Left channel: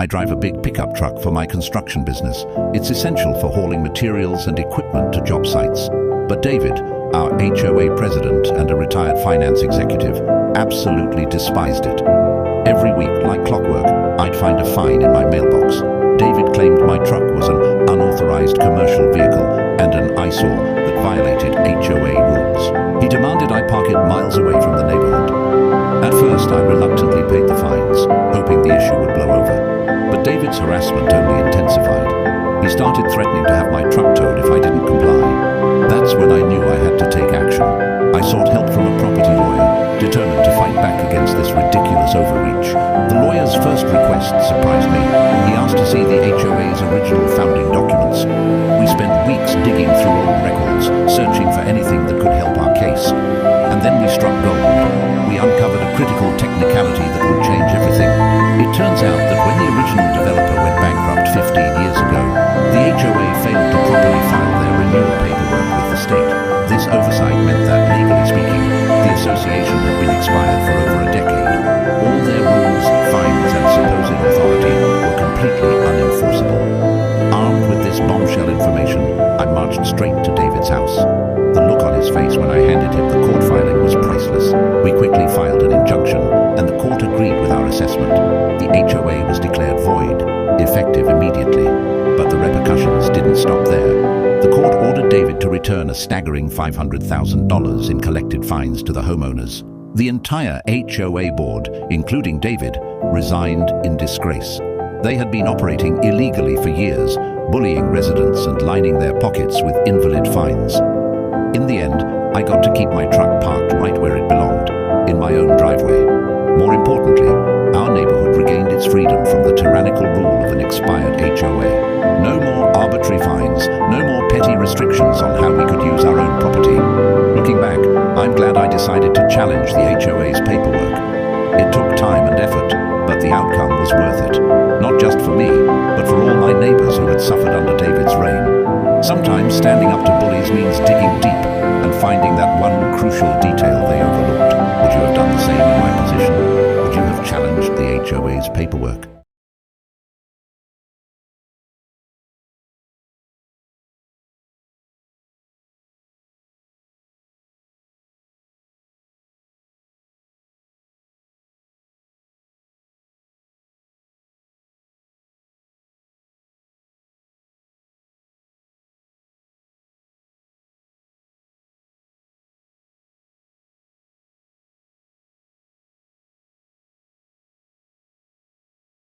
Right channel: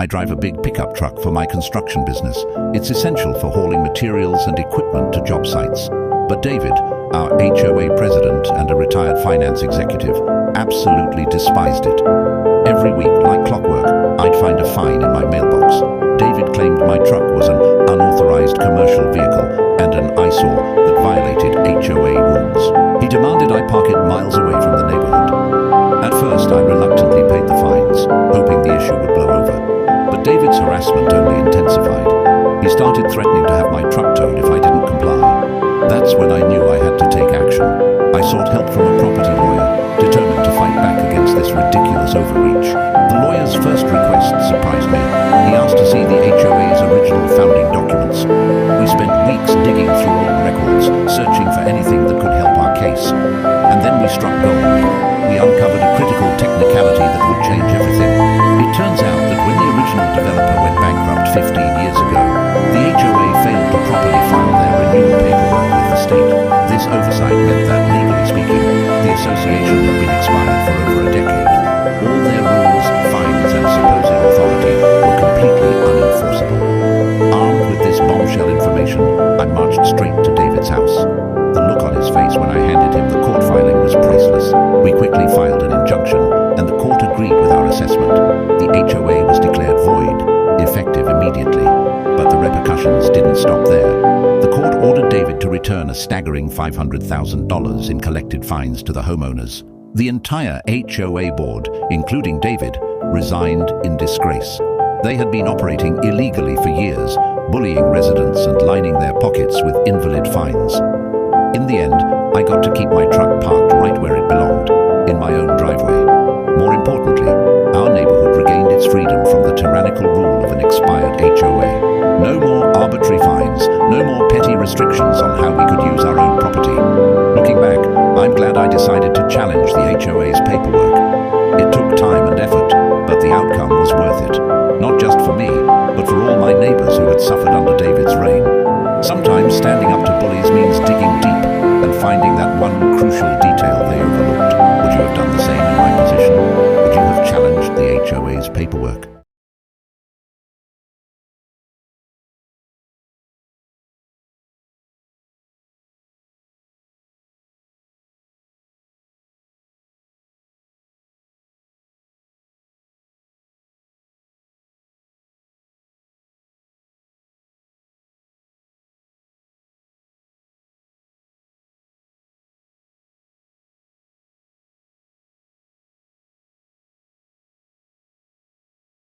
I drive a big pickup truck for my construction business. It's essential for hauling materials and equipment to job sites. But David, our HOA president and a retired finance executive, absolutely despised it. Every week, like clockwork, I'd find a fine in my mailbox. David claimed my truck was an unauthorized commercial vehicle and an eyesore that violated HOA rules. He demanded I park it miles away from the neighborhood. At first, I reluctantly paid the fines, hoping the issue would blow over. But David's harassment only intensified. He started threatening to have my truck towed if I didn't comply. That's when I knew I had to take action. I sought help from a property lawyer, determined to fight back against this ridiculous overreach. The lawyer's first request surprised me. He asked to see the HOA's original founding documents. We spent weeks digging through old records, searching for anything that could help our case. And then we struck gold. We uncovered a critical technicality that would change everything. It turns out that when the original developer went bankrupt 15 years ago, the HOA failed to properly file their renewal paperwork with the state. This oversight meant that, legally speaking, the association had been expired for over a decade. All their rules, fines, and supposed authority were completely unenforceable. Armed with this bombshell information, I marched straight to David's house. The look on his face when I handed him the court filing was priceless. We quickly filed an injunction, and the court agreed with our assessment. The HOA was declared void, effective immediately. But the repercussions didn't stop there. The court ordered David to return a staggering $500,000 in collected fines to the homeowners. The entire HOA board, including David, resigned in disgrace. They had been operating illegally for years, bullying residents and lining their pockets with invalid fines. In the end, I got to keep my truck parked right where it belonged, in my own driveway. More importantly, our neighborhood regained its freedom from the tyrannical rule of an expired HOA. No more arbitrary fines, no more petty restrictions on how we could use our own property. Looking back, I'm glad I decided to challenge the HOA's paperwork. It took time and effort, but the outcome was worth it. Not just for me, but for all my neighbors who had suffered under David's reign. Sometimes standing up to bullies means digging deep and finding that one crucial detail they overlooked. Would you have done the same in my position? Would you have challenged the HOA's paperwork?